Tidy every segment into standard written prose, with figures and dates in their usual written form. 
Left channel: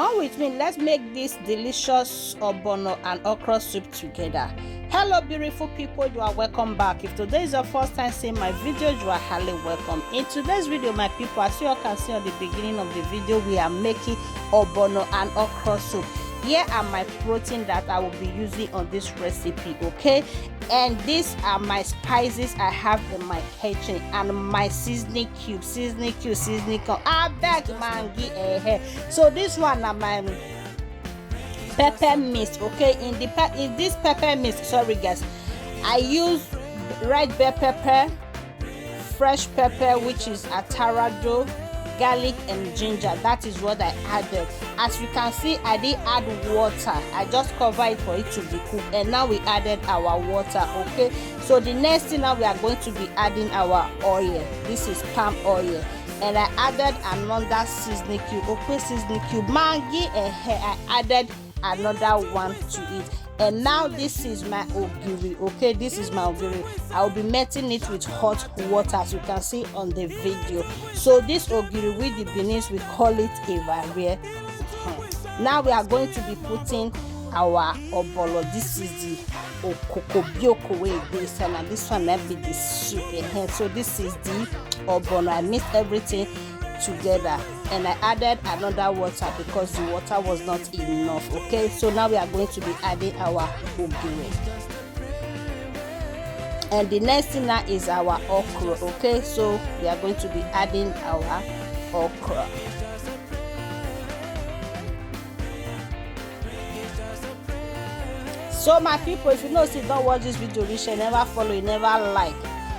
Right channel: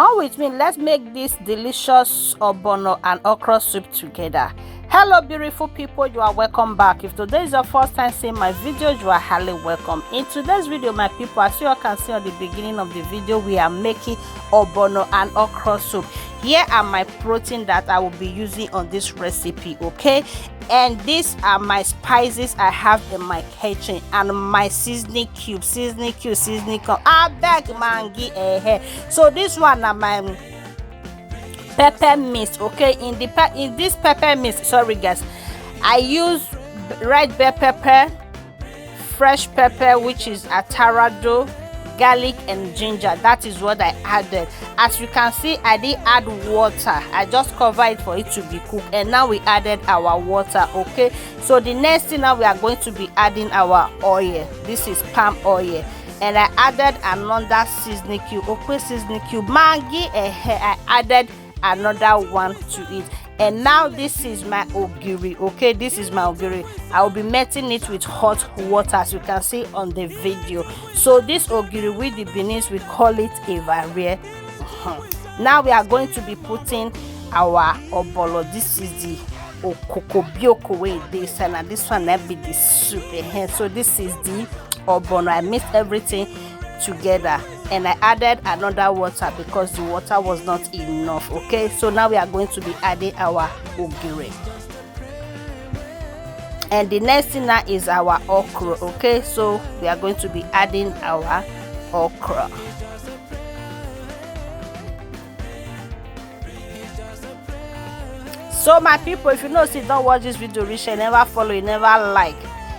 Come with me, let's make this delicious ogbono and okra soup together. Hello beautiful people, you are welcome back. If today is your first time seeing my video, you are highly welcome. In today's video, my people, as you all can see on the beginning of the video, we are making ogbono and okra soup. Here are my protein that I will be using on this recipe, okay? And these are my spices I have in my kitchen and my seasoning cube. I beg mangi. So this one are my pepper mix, okay? In this pepper mix, sorry guys, I use red bell pepper, fresh pepper, which is atarado, garlic and ginger. That is what I added. As you can see, I didn't add water. I just covered it for it to be cooked, and now we added our water, okay? So the next thing, now we are going to be adding our oil. This is palm oil, and I added another seasoning cube, okay? Seasoning cube Maggi, I added another one to it. And now this is my ogiri, okay? This is my ogiri. I will be melting it with hot water, as you can see on the video. So this ogiri with the Benin, we call it evarie. Now we are going to be putting our obolo. This is the okokobioko way this, and this one will be the soup. So this is the ogbono. I mixed everything together, and I added another water because the water was not enough, okay? So now we are going to be adding our ogiri, and the next thing now is our okra, okay? So we are going to be adding our okra. So my people, if you know, see, don't watch this video reach, you never follow, you never like,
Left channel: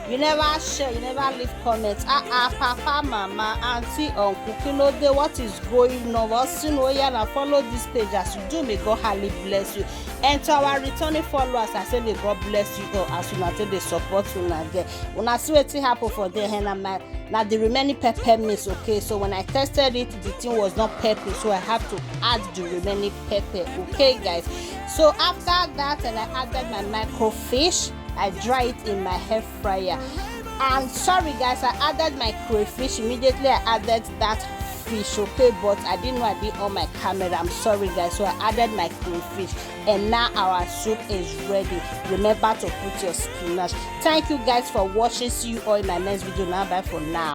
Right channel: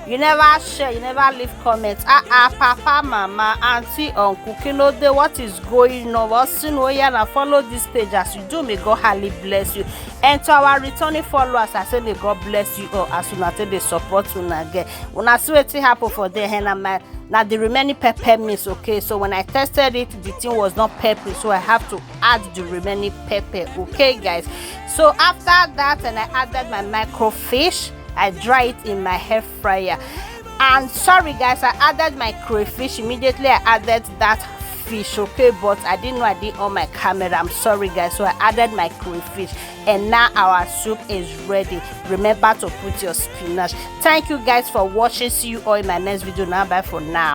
you never share, you never leave comments. Papa, mama, auntie, uncle, you know what is going on. What's in and follow this page as you do. May God highly bless you. And to our returning followers, I say may God bless you all as you until they support you again. When I see what happen for the hand, now the remaining pepper mix, okay? So when I tested it, the thing was not pepper, so I have to add the remaining pepper, okay guys? So after that, and I added my microfish. I dry it in my hair fryer. And sorry guys, I added my crayfish. Immediately I added that fish, okay? But I didn't know I did on my camera. I'm sorry guys. So I added my crayfish, and now our soup is ready. Remember to put your spinach. Thank you guys for watching. See you all in my next video. Now bye for now.